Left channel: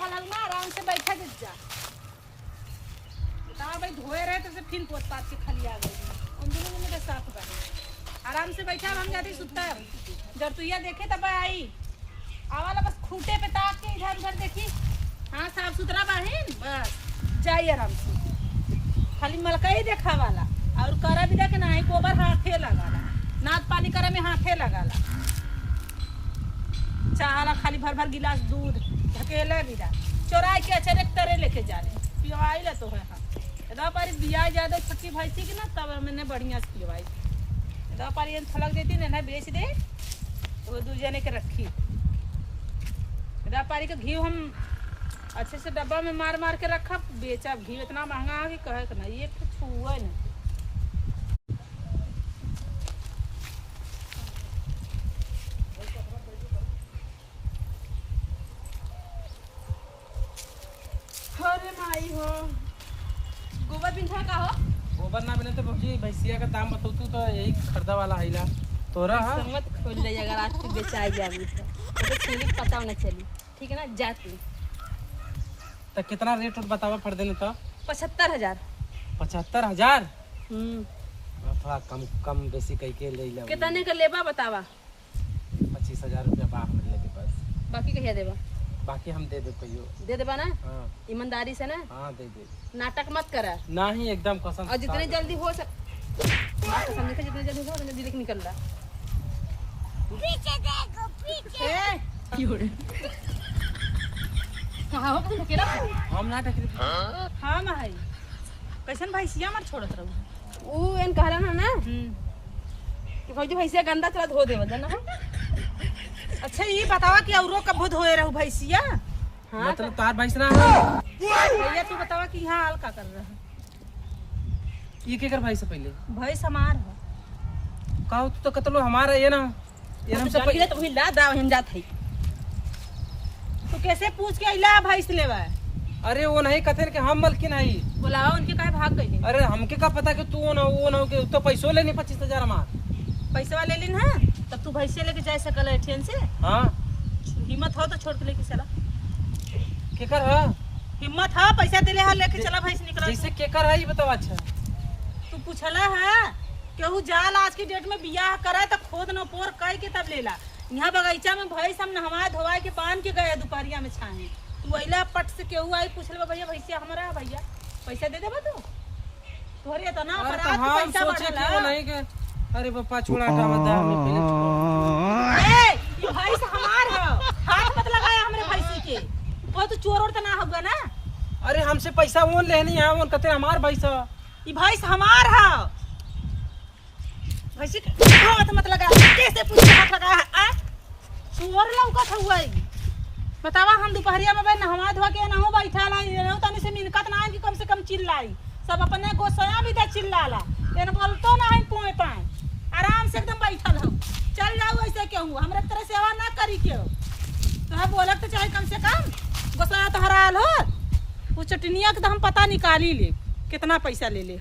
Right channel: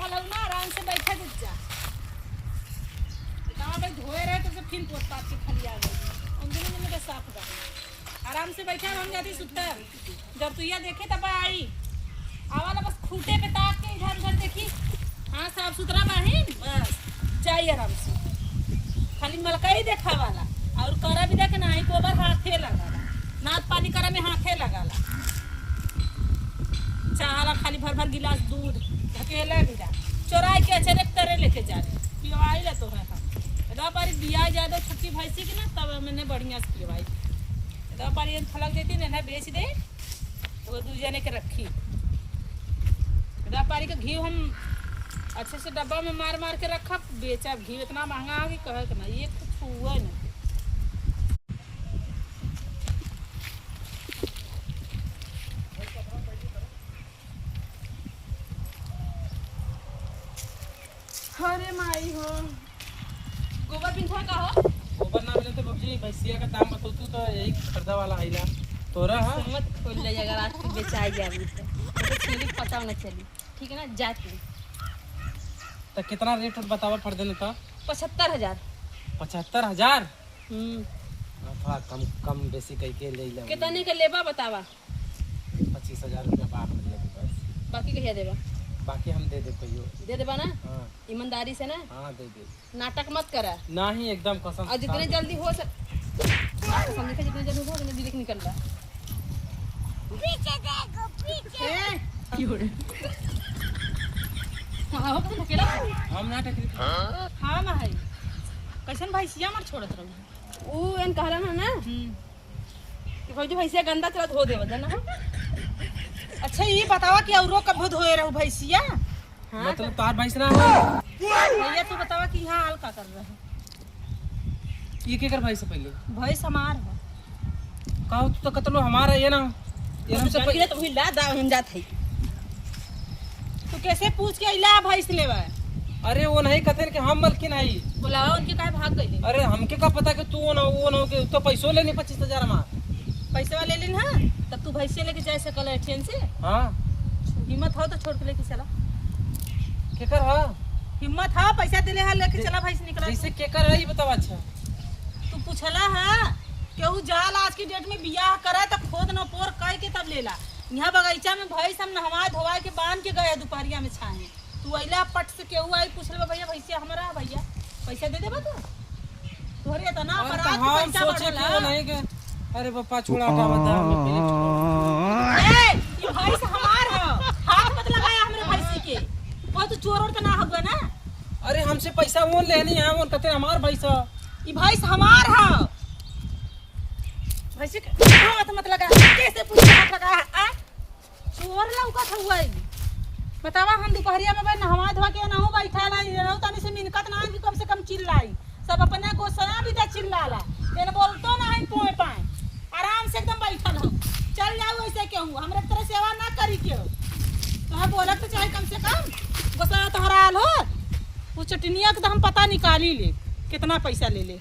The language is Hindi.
भला ना आराम से बैठा जा। ना भाई धोए रहे तो फिर पोत पात के खाली आ गई। उन दोनों में साफ बने आराम से बैठा हम जाती सुतर जब तू ये देखे तब आई आवाला बस खूंटे पे ताक के इधर उधर देखी। हाँ साफ सुथरा बाहिन बस जाइए आराम से खाली मलका ही देखा वाला और करा भी देखे ना गोबर हाथे लगाला नाद पानी करे में हाथे लगाला चाहला खाली भर भर गिलास दूध ढकेला भी दा चोराई के अचानक तरे लेके जा रहे पिवाई ला तो है। हाँ इधर पर बिया ज्यादा छोटी भैंसी की ना तब मैंने बढ़िया से पिवाई इधर पर थलक देती ना बेच दे तो वो दूजे ने के रखी इधर पारी का घी हम अच्छे से डब्बा में मार मार के रखा बेचा घी इतना महंगा है कि कहे कि नहीं ये कुछ हुआ नहीं। अरे माई हो गोबर बिंधा का हो गोबर ना मिले तो बाबूजी भैंसिया का दाम बताऊ तू तो यही खरीदा वाला हैला तोरा। हाँ मत खोल ले अगर आज तू बेचाई जाबी तो चीनी पता ना चली ठीक है ना जाती तो कितना रेट और बतावा पड़ देना तो 75,000। 75,000 थोड़ा कम कम बेसी कह के ले ले कितने का लेबा बतावा 25,000 रुपया बाहर मिले के पास बाकी कहिया देबा बाकी हम दे दे कहियो दे देबा ना। हाँ ईमानदारी से ना। हाँ दे दे नाटक मत करा ना ही एकदम कसम और जितनी जल्दी हो समझ का जितनी जल्दी हो उतनी जल्दी निकल रहा पीछे देखो पीछे क्यों रे हां हो तुम अकेला हम ना टकरी। हां ना है कैसन भैंसिया मत छोड़त रहू ओ एन कहला ना कि भाई भैंसिया गंदा चला धो देव ना। अच्छा ये बतावा कि औरो कब धोए रहू भैंसिया। हाँ मतलब तार भैंस ना है भैया तू बतावा कि यहाँ हाल का कर रहा है ये के कर भैंस पहले भैंस हमार है कहो तू तो कतलो हमारा ये ना हमसे पहले तो वही ला दाव हम जात है तू कैसे पूछ के इला भैंस लेवा। अरे वो नहीं कहते कि हम मलकिन आई बुलाओ उनके काहे भाग गई। अरे हमके का पता कि तू ना वो ना के तो पैसो लेनी 25,000 हमार पैसे वाले लेन हां तब तू भैंसे लेके जा सकल है ट्रेन से। हाँ हिम्मत हो तो छोड़ के लेके चला केकर है हिम्मत है पैसा दिले हां लेके चला भैंस निकला जैसे केकर है ये बताओ। अच्छा तू पूछला है केहू जाल आज की डेट में बियाह करा त खोद न पोर कह के तब लेला यहाँ बगीचा में भैंस हम नहवा धोवा के बांध के गया दोपहरिया में छाए तू अइला पट से केहू आई पूछल भैया भैंसिया हमारा भैया पैसा दे देबा तू तोहरे इतना बड़ा हम पैसा सोचे बढ़ला क्यों नहीं के अरे बापा छोड़ा का बता हमें पहले ए ये भैंस हमार है हाथ मत लगाया हमरे भैंसी के वो तो चोर और त ना होगा ना। अरे हमसे पैसा वो लेनी है वो कहते हमार भैंस ये भैंस हमार है भैंसी हाथ मत लगा कैसे पूछ हाथ लगा आ चोर लौका हुआ है बतावा हम दोपहरिया में नहवा धोवा के ना हो बैठा नहीं तनी से मिनकत ना कि कम से कम चिल्लाई सब अपने गोसया भी दे चिल्लाला एन बोलतो ना है पोए पाए आराम से एकदम बैठल हो चल जाओ ऐसे क्यों हमरे तरह सेवा ना करी क्यों तो बोलत तो चाहे कम से कम गोसया तो हराल हो वो चटनिया के तो हम पता निकाली ले कितना पैसा ले ले।